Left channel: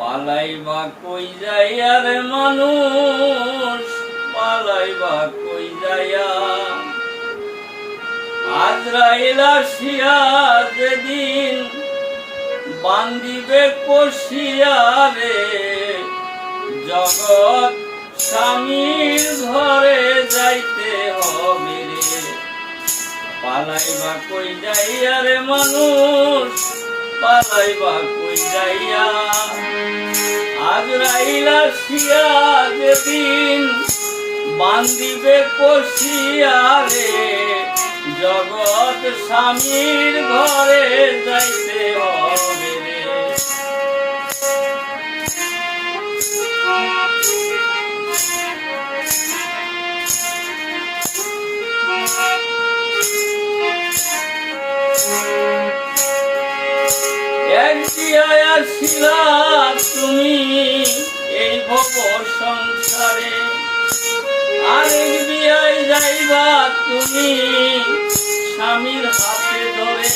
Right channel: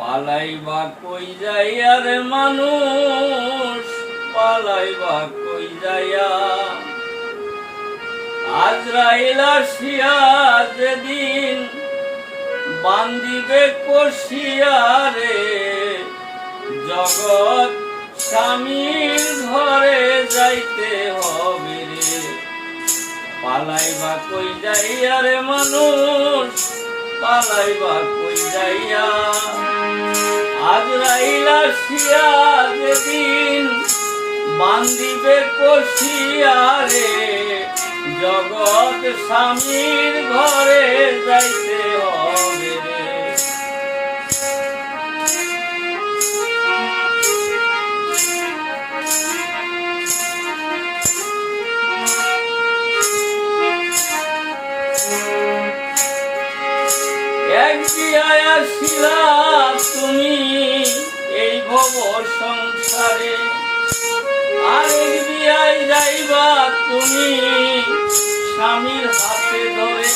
পালাইবা কই যাইয়া রে মানুষ, পালাইবা কই যাইয়া। আজরাইল আসিয়া যেদিন বান্দিবে কষিয়া রে, জগৎ স্বামীর ঘরে যাইতে হবে রে। পালাইবা কই যাইয়া রে মানুষ, পালাইবা কই যাইয়া। আজরাইল আসিয়া যেদিন বান্দিবে কষিয়া রে, জগৎ স্বামীর ঘরে যাইতে হবে রে। এক বিয়ায় আসিলা তুমি এই ভব সংসারে, আরেক বিয়ায় যাইবা তুমি স্বামীর হাতে ধরে।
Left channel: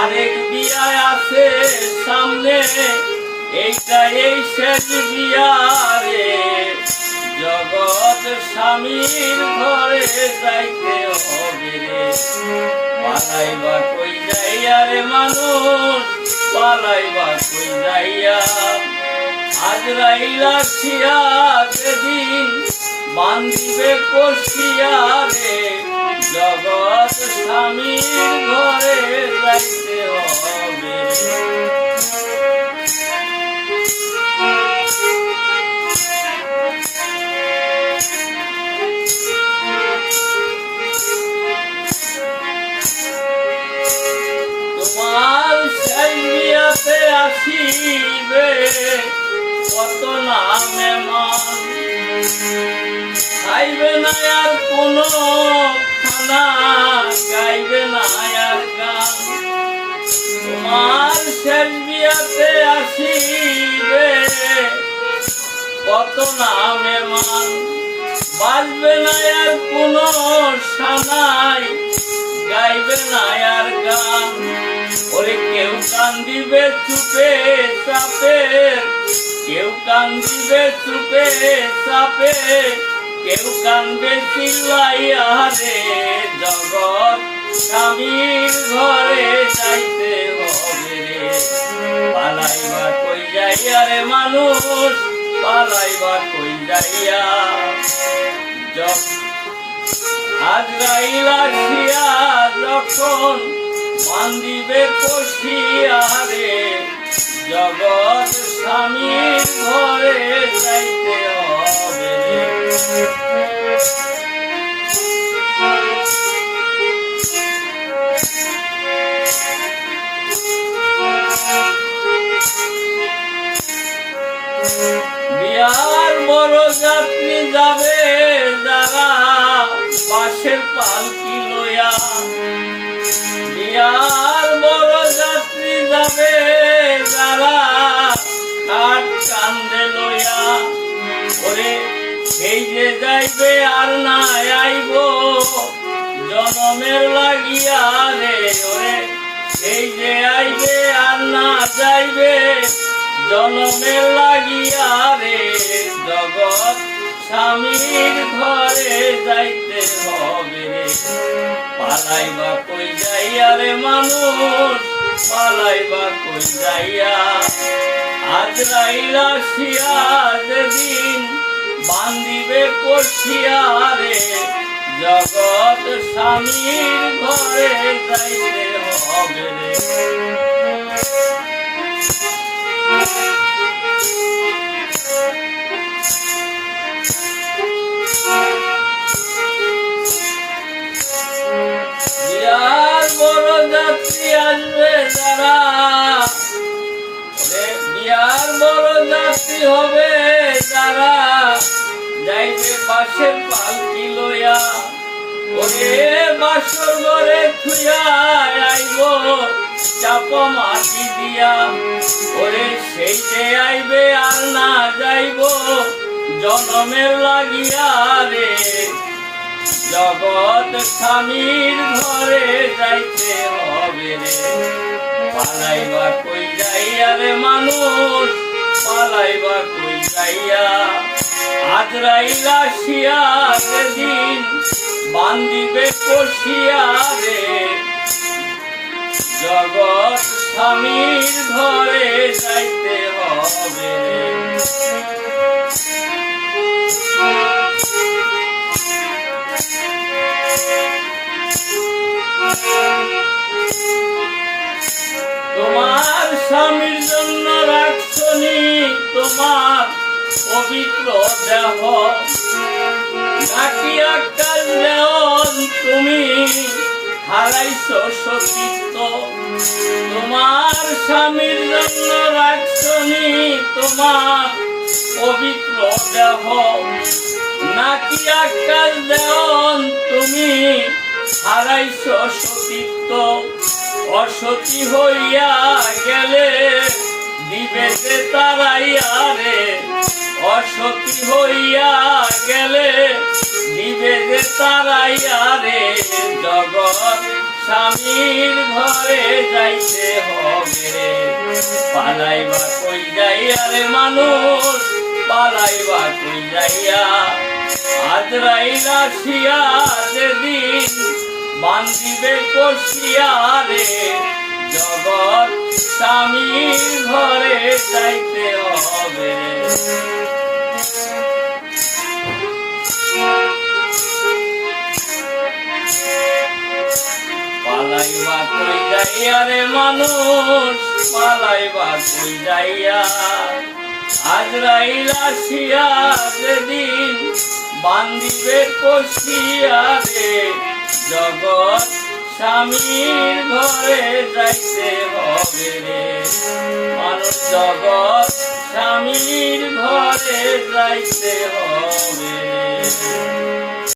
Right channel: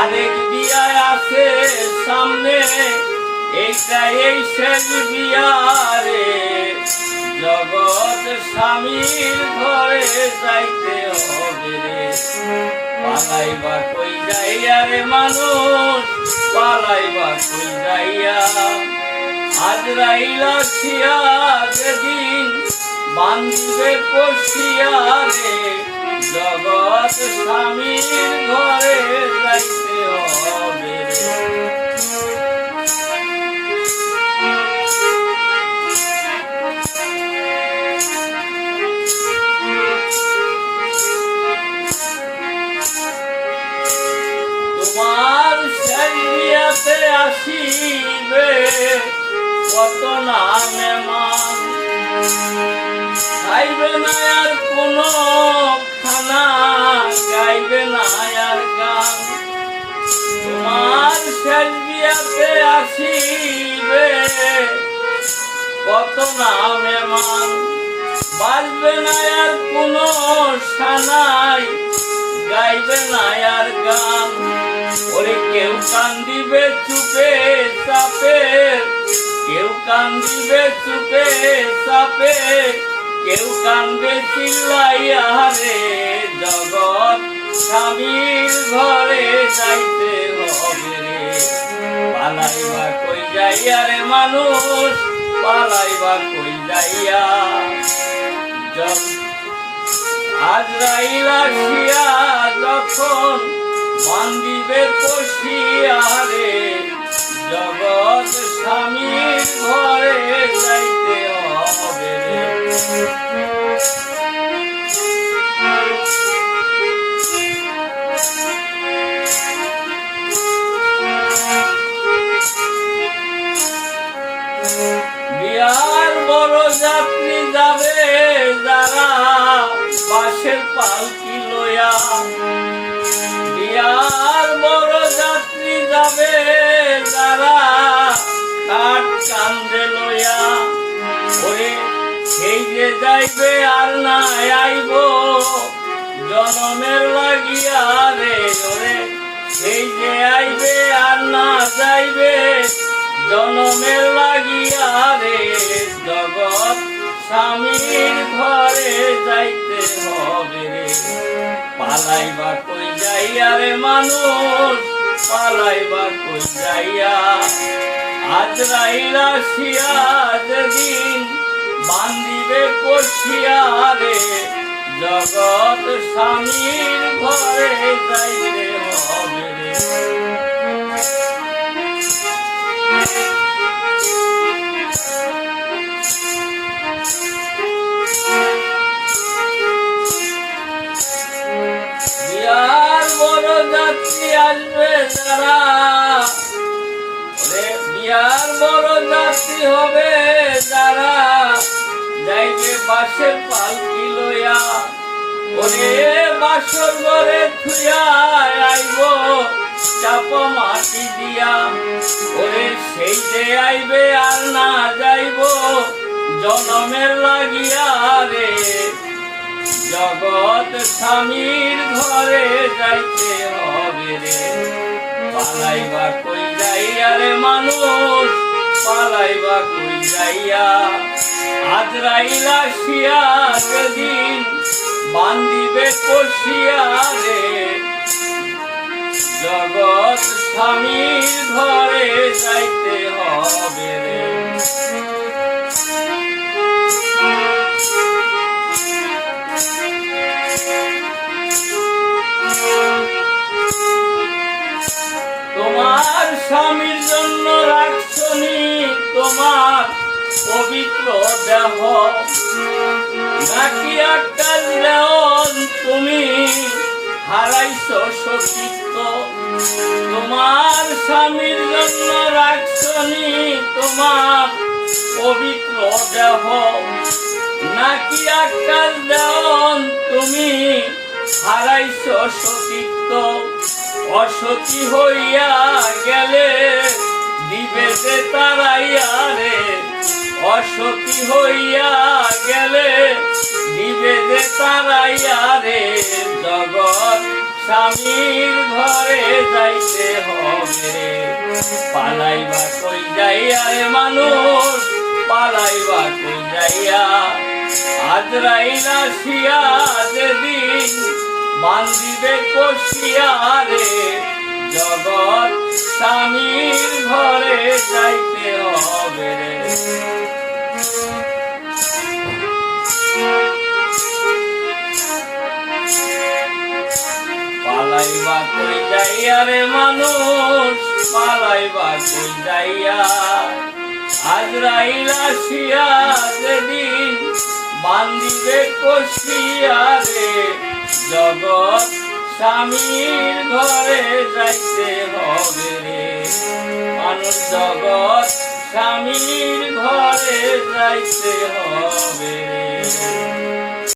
আরেক বিয়ায় আছে সামনে, এইটা এই শেষ বিয়ারে, জগৎ স্বামীর ঘরে যাইতে হবে রে। পালাইবা কই যাইয়া রে মানুষ, পালাইবা কই যাইয়া। আজরাইল আসিয়া যেদিন বান্দিবে কষিয়া রে, জগৎ স্বামীর ঘরে যাইতে হবে রে। তোমার সেই বিয়াতে আসিবে কত না মেহমান, খাইবে না আর কোনো খানা, গাইবে না আর গান। তোমার শেষ বিয়াতে আসিবে কত না মেহমান, বাজবে না আর কোনো সানাই, গাইবে না আর গান। ওরে কেউ কান্দিবে চুপে চাপে, কেউ কান্দিবে চুপে চাপে, কেউ কান্দবে চিল্লাইয়া রে, জগৎ স্বামীর ঘরে যাইতে হবে রে। পালাইবা কই যাইয়া রে মানুষ, পালাইবা কই যাইয়া। আজরাইল আসিয়া যখন বান্দিবে কষিয়া রে, জগৎ স্বামীর ঘরে যাইতে হবে রে। বিয়ার বড় যাত্রী যাবে যারা বাঁশের পালকি লইয়া, বিয়ার বড় যাত্রী যাবে যারা কাঠ কান্দে লইয়া। ওরে সেই যে যাইবে আর না আইব জনমের লাগিয়া রে, ওরে সেই যে আইবে আর না যাইবে জনমের লাগিয়া রে, জগৎ স্বামীর ঘরে যাইতে হবে রে। পালাইবা কই যাইয়া রে মানুষ, পালাইবা কই যাইয়া। আজরাইল আসিয়া যেদিন বান্দিবে কষিয়া রে, জগৎ স্বামীর ঘরে যাইতে হবে রে। বিয়ার বড় যাত্রী আসবে যারা, বিয়ার বড় যাত্রী হবে যারা, যাইবে বাঁশের পালকি লইয়া। ওরে বাসর ঘরে থুয়া আইব চাপ মাটি দিয়া, ওরে সেই যে আইবে আর না যাইব জনমের লাগিয়া রে, জগৎ স্বামীর ঘরে যাইতে হবে রে। পালাইবা কই যাইয়া রে মানুষ, পালাইবা কই যাইয়া। আজরাইল আসিয়া যেদিন বান্দিবে কষিয়া রে, জগৎ স্বামীর ঘরে যাইতে হবে রে। তোমার স্বামীর জন্য রাখছনি তোমার পবিত্র দেহ, নাকি আকাশ দেওন তুমি হারাইছ সতীত্ব। তোমার স্বামীর জন্য রাখছনি তোমার পবিত্র দেহ, নাকি আকাশ দেওন তুমি হারাইছ সতীত্ব। অসতী হইয়া গেলে দিবে যে তারাইয়া রে, অসতী হইয়া গেলে দিবে যে তারাইয়া রে। জগৎ স্বামীর ঘরে যাইতে হবে রে, পালাইবা কই যাইয়া রে মানুষ, পালাইবা কই যাইয়া। আজরাইল আসিয়া যেদিন বান্দিবে কষিয়া রে, জগৎ স্বামীর ঘরে যাইতে হবে রে। পালাইবা কই যাইয়া রে মানুষ, পালাইবা কই যাইয়া। আজরাইল আসিয়া যেদিন বান্দিবে কষিয়া রে, জগৎ স্বামীর ঘরে যাইতে হবে রে মানুষ, জগৎ স্বামীর ঘরে যাইতে হবে।